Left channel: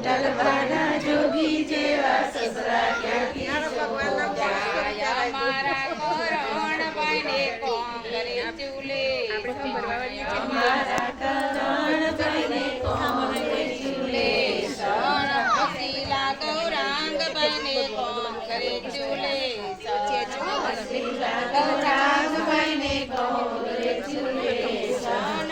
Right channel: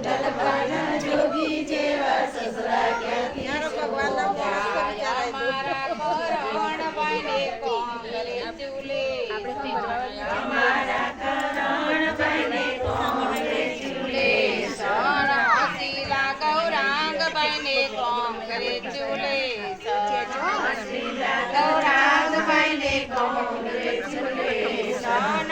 ભગવાનના જોગી જેવા સસરા ક્યાંથી જાય અમારા કરણભાઈને કોંગ્રેચ્યુલે અમારા કરણભાઈને કોંગ્રેચ્યુલેશન હસીલા ગૌરાંગભાઈને કોંગ્રેચ્યુલેશન ગૌરાંગભાઈને કોંગ્રેચ્યુલેશન સન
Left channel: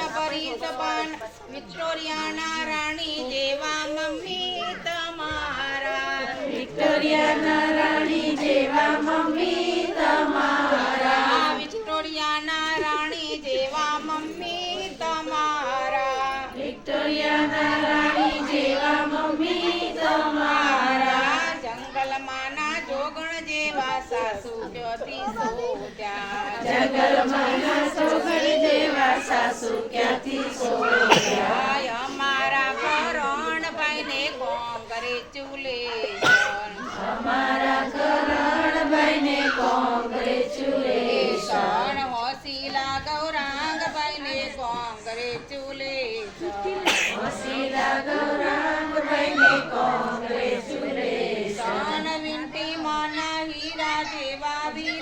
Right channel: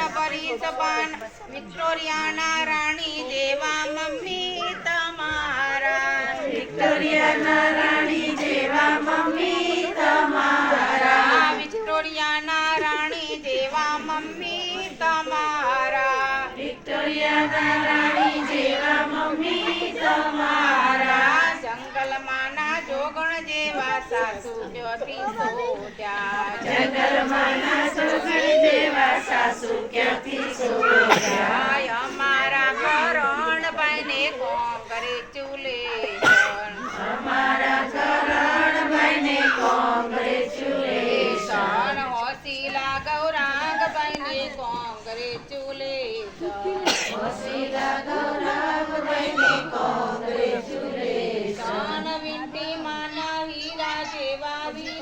પરિસપાન વિક્ટોરિયાના રાણી જેવા મમ્મી તમારા. વિક્ટોરિયાના રાણી જેવા મમ્મી તમારા. વિક્ટોરિયાના રાણી જેવા મમ્મી તમારા. વિક્ટોરિયાના રાણી જેવા મમ્મી તમારા. જંગલમાંના જોગણ જેવા સાસુ જ્યોતિ સોજા જંગલમાંના સોગણ સાસુ ક્યાંથી સોયા જાય અમારા કરણભાઈને કોંગ્રેચ્યુલેશન અમારા કરણભાઈને કોંગ્રેચ્યુલેશન સન હોસીલા ગૌરાંગભાઈને કોંગ્રેચ્યુલેશન વસીલા ગૌરાંગભાઈને કોંગ્રેચ્યુલેશન સન વિંટી માના હીરા જેવા વીરા તમારા વીંટીમાંના હીરા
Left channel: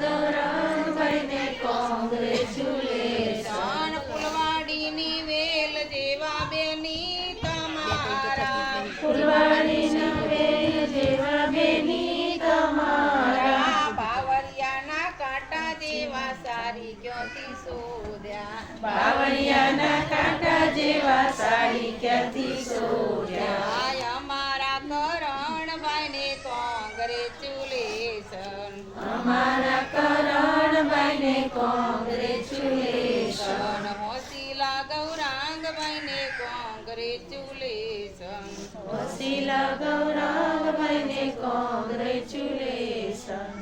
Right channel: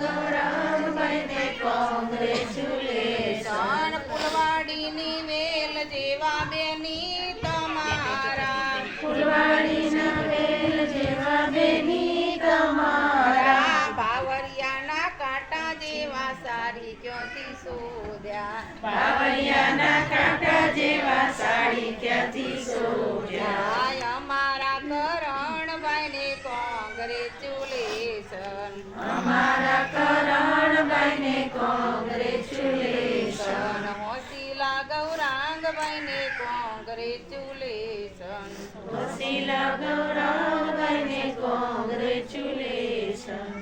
તમારા ફૂલવાડીના વેલ જેવા બેની તમારા. બાવરિયાના કાંટા જેવા સારી ક્યોથી શોધ્યા? બાવળિયાના કાંટા જેવા સાડી ક્યાંથી સોયા કરણભાઈને કોંગ્રેચ્યુલેશન સન હોસીલા ગૌરાંગભાઈને કોંગ્રેચ્યુલેશન વસીલા ગૌરાંગભાઈને કોંગ્રેચ્યુલેશન